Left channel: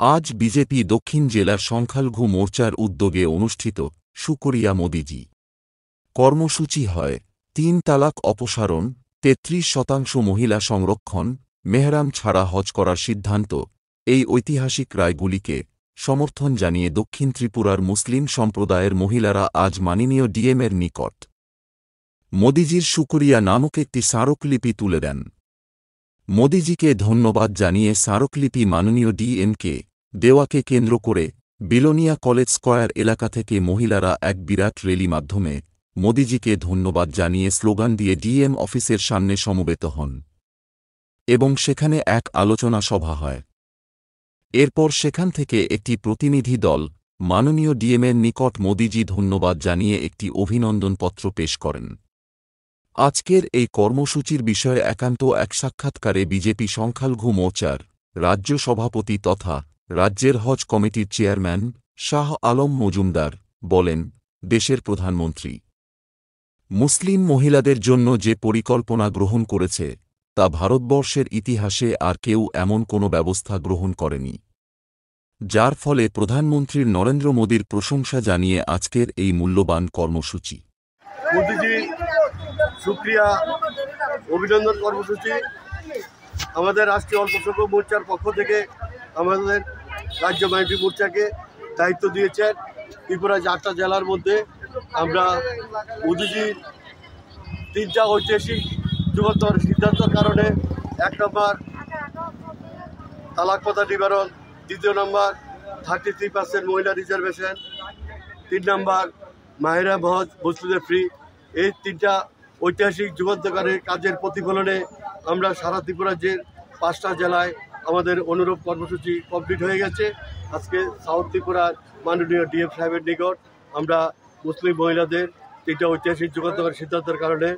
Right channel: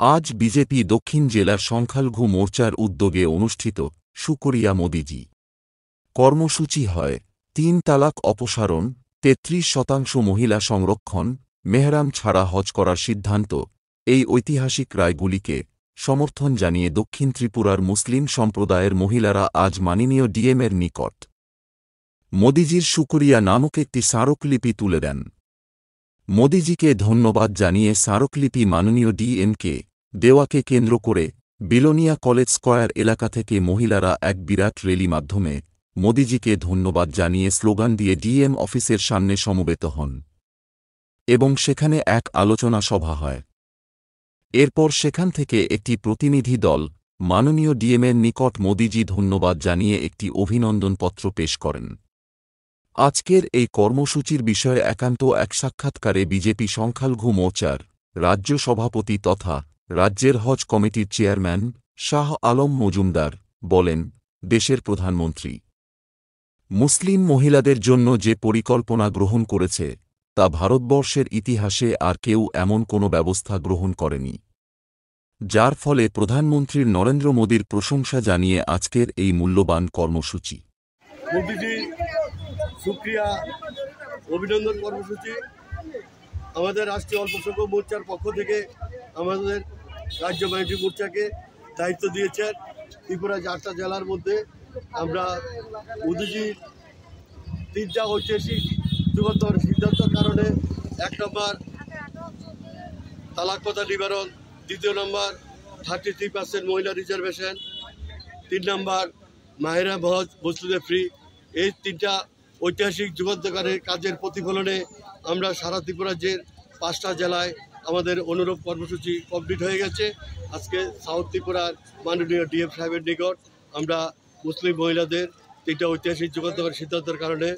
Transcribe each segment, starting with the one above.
আজ বিজেপি দক্ষিণ জেলার সংখ্যালঘু মোর্চার উদ্যোগে অনুষ্ঠিত শুকরিয়া মোদিজি কর্মসূচি হয় ৩ তালাক অপসারণ, ৩৩% মহিলা সংরক্ষণ, মেহরাম ছাড়া হজ করার সিদ্ধান্ত। এই ঐতিহাসিক রায়গুলিকে সমর্থন জানিয়ে দক্ষিণ ত্রিপুরার মুসলিম সম্প্রদায়ের মহিলারা আজ মাননীয় ডিএমের নিকট মোদিজির শুকরিয়া নামক একটি স্মারকলিপি তুলে দেন। মোদিজিকে ধন্যবাদ জানিয়ে স্মারকলিপি মাননীয় ডিএমকে দেওয়াকে কেন্দ্র করে বিলোনিয়া কলেজ স্কয়ার এলাকা থেকে মহিলারা এক বিরাট র্যালি মাধ্যমে মোদিজিকে ধন্যবাদ জানিয়ে স্লোগান দিয়ে ডিএম অফিসের সামনে সমবেত হন এবং সেখানে এক আলোচনা সভা হয়। এরপর সেখান থেকে একটি প্রতিনিধি দল মাননীয় ডিএমের নিকট মোদিজি ধন্যবাদ জানিয়ে একটি অভিনন্দনপত্র পেশ করেন। আজকের এই কর্মসূচির বিষয়ে একান্ত এক সাক্ষাৎকারে বিজেপি সংখ্যালঘু মোর্চার রাজ্য সভাপতি তথা রাজ্যের হজ কমিটির চেয়ারম্যান শাহ আলম মজুমদার বলেন, দেশের প্রধানমন্ত্রী মুসলিম মহিলাদের জন্য যে পরিকল্পনা গ্রহণ করেছে তা ভারতবর্ষের ইতিহাসে আর কেউ এমন কোনো ব্যবস্থা গ্রহণ করেনি, যার ফলে প্রধানমন্ত্রী নরেন্দ্র মোদীর প্রশংসা জানিয়ে আজকের এই মূল্যবান কর্মসূচি শুকরিয়া অভিনন্দন কর্মসূচি আমাদের রাষ্ট্রীয় অল্পসংখ্যক মোর্চার পক্ষ থেকে আমাদের রাজ্য মাইনরিটি মোর্চাকে দায়িত্ব দিয়েছেন। ত্রিপুরা 8টা জেলার মধ্যে আমরা মোদিজির 3টা ঐতিহাসিক যুগান্তর সিদ্ধান্তের কারণে 1 নম্বর তালাক প্রথা নিবারণ, 2 নম্বর 33% মহিলা রিজার্ভেশন, 3 নম্বর মেহরাম হজ মুসলিমদের ফ্রি, এই 3টা ঐতিহাসিক যুগান্তকারের কাজের প্রতিফলনে আমরা সারা ত্রিপুরা যে 5টা জেলায় আমাদের অনুরূপ কর্মসূচি কমপ্লিট হয়ে গেছে। আজকে সাউথ ত্রিপুরার মাননীয় ডিএম সাহেবের নিকট আমরা মুসলিম মহিলাদের 3টা ঐতিহাসিক যুগান্তকারী সিদ্ধান্তের কারণে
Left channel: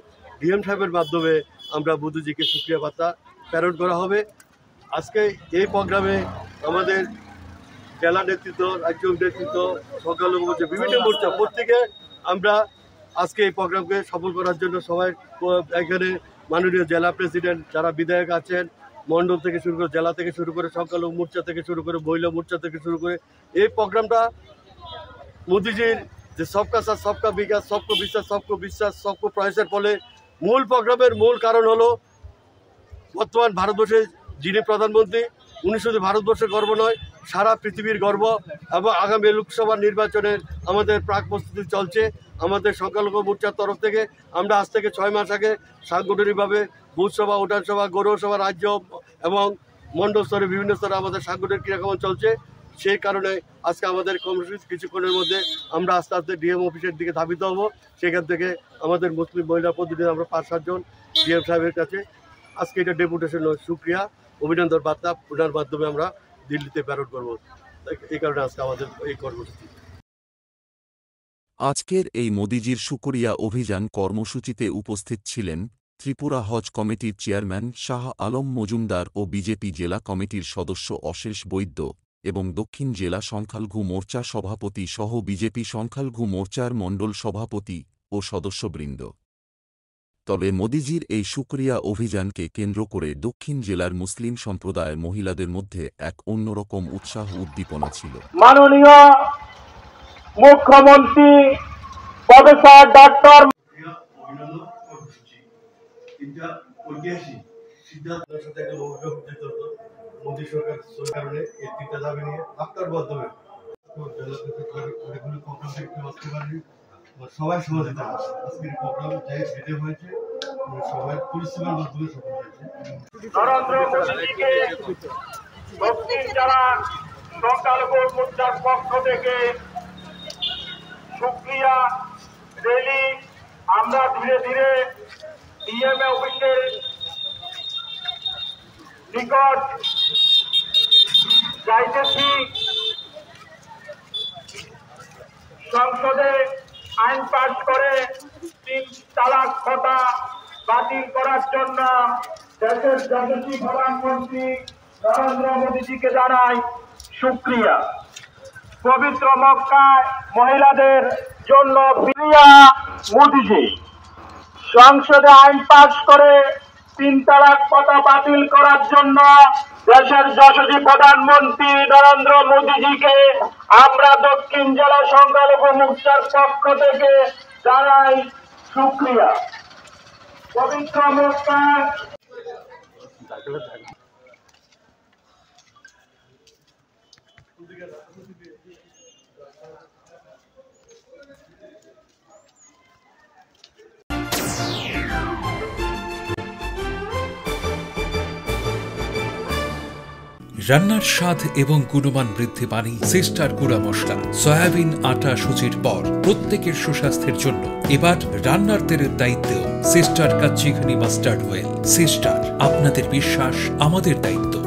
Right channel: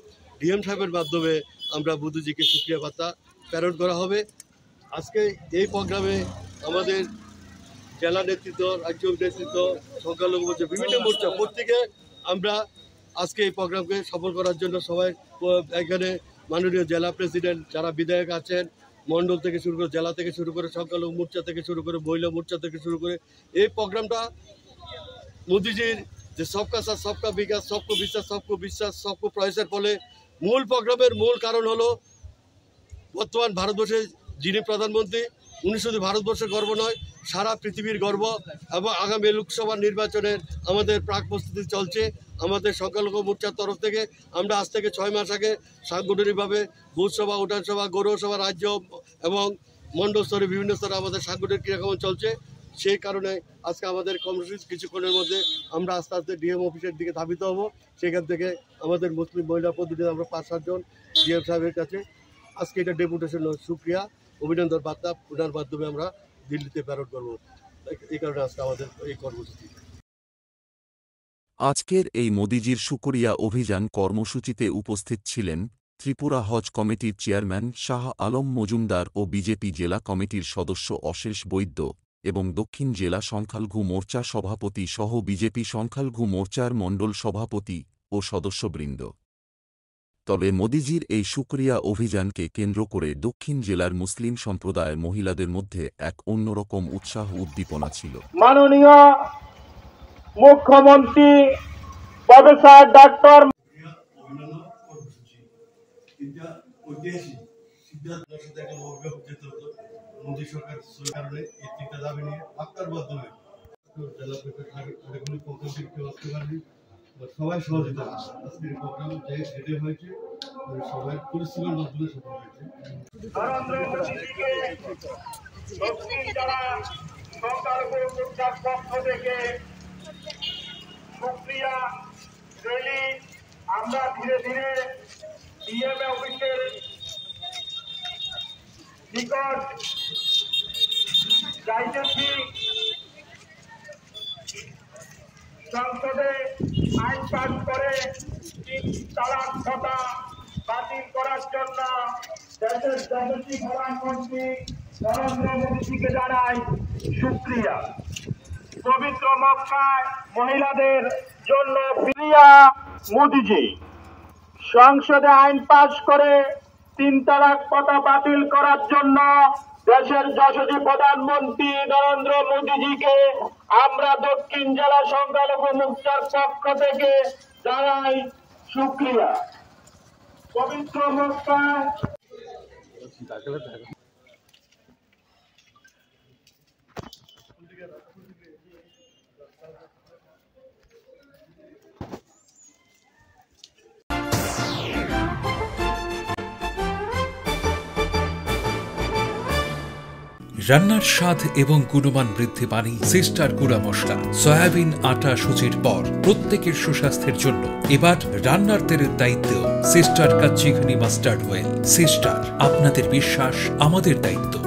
ডিএম সাহেবের মাধ্যমে আমরা মোদিজিকে শুকরিয়া বার্তা প্রেরণ করা হবে। আজকে এই প্রোগ্রামে আমাদের জেলা নেতৃত্ব, রাজ্য নেতৃত্ব, সংখ্যালঘু মোর্চা, বিভিন্ন মোর্চা প্রত্যেকে আমরা আজকে এই প্রোগ্রামকে সফল করার জন্য সবাই এখানে মাননীয় জেলা প্রেসিডেন্ট, যারা বিধায়ক আছেন, মণ্ডল থেকে শুরু করে, জেলা থেকে শুরু করে, সংখ্যালঘু মোর্চা থেকে শুরু করে, মহিলা মোর্চা থেকে শুরু করে, এই প্রোগ্রামটা মোদিজির যে সবকা সাথ সবকা বিকাশ, সবকো বিশ্বাস সবকো প্রয়াসের ফলে মূল প্রোগ্রামের মূল কারণ হলো বর্তমান ভারতবর্ষে যিনি প্রধানমন্ত্রী, উনি শুধু ভারতবর্ষের গর্ব নয়, সারা পৃথিবীর গর্ব। এবং আগামী লোকসভা নির্বাচনের আমাদের প্রাক প্রস্তুতি চলছে। আমাদের সংখ্যালঘু মোর্চার তরফ থেকে আমরা আজ থেকে 6 মাস আগে সাংগঠনিকভাবে বুথসভা, উঠানসভা, গৌরসভা, রাজ্য এবং মণ্ডল স্তরে বিভিন্ন স্তরে আমাদের সাংগঠনিক ক্রিয়াকর্ম চলছে। সেই কারণে আজকে আমাদের কর্মসূচি কিছুক্ষণের মধ্যে আমরা আস্তে আস্তে ডিএম অফিসের দিকে ধাবিত হব। সেখান থেকে আমাদের মুসলিম মহিলা প্রতিনিধি আমরা 5-7 জন ডিএম সাহেবের কাছে আজকে এটা ডেপুটেশন শুকরিয়া অভিনন্দন বার্তা ওনার মাধ্যমে আমরা দিল্লিতে প্রেরণ করব। এই কারণে আজকে আমাদের এই কর্মসূচি। আজকের এই মোদিজির শুকরিয়া অভিযান কর্মসূচিতে উপস্থিত ছিলেন ত্রিপুরা হজ কমিটির চেয়ারম্যান শাহ আলম মজুমদার ও বিজেপি জেলা কমিটির সদস্য অশেষ বৈদ্য এবং দক্ষিণ জেলা সংখ্যালঘু মোর্চা সভাপতি সহ বিজেপি সংখ্যালঘু মোর্চার মণ্ডল সভাপতি ও সদস্যবৃন্দ। তবে মোদিজির এই শুকরিয়া অভিযানকে কেন্দ্র করে দক্ষিণ জেলার মুসলিম সম্প্রদায়ের মহিলাদের মধ্যে এক অন্যরকম উৎসাহ উদ্দীপনা ছিল। মাননীয় মুখ্যমন্ত্রী প্রফেসর ডক্টর মোদী সরকার কারণে এই 3টা দাবি নিয়ে আপনার মাধ্যমে সবাই সহযোগিতা আজকের প্রোগ্রাম হেঁটে হয়েছে, সবাই পরিশ্রমের মাধ্যমে সফল হয়েছে। সংখ্যালঘু মোর্চার পক্ষ থেকে শুকরিয়া র্যালি আমরা ধীরে ধীরে ডিএমএ অফিসের নিকট যাইতেছি। সংসদে আইন পাস করে 3 তালাক প্রথা বাতিল করার জন্য দেশের যশস্বী প্রধানমন্ত্রী নরেন্দ্র মোদীজিকে জানাই শুকরিয়া। পবিত্র মক্কায় মহিলাদের জন্য প্রিয়া মোদীজি সংসদে আইন পাস করে 3 তালাক প্রথা বাতিল করার জন্য দেশের যশস্বী প্রধানমন্ত্রী নরেন্দ্র মোদীজিকে আমরা দক্ষিণ জেলা সংখ্যালঘু মোর্চার পক্ষ থেকে জানাই শুকরিয়া। পবিত্র মক্কা রান্নার স্বাদ এবং গুণমান বৃদ্ধি পানি সিস্টার গুঁড়া মশলা সয়াবিন আটা সুজির পর প্রত্যেকের সুস্বাস্থ্যের জন্য এবার রান্নার তেলের দায়িত্ব sister kachi ghani mustard oil. Sister, আপনাদের বিশ্বাস আমাদের দায়িত্ব।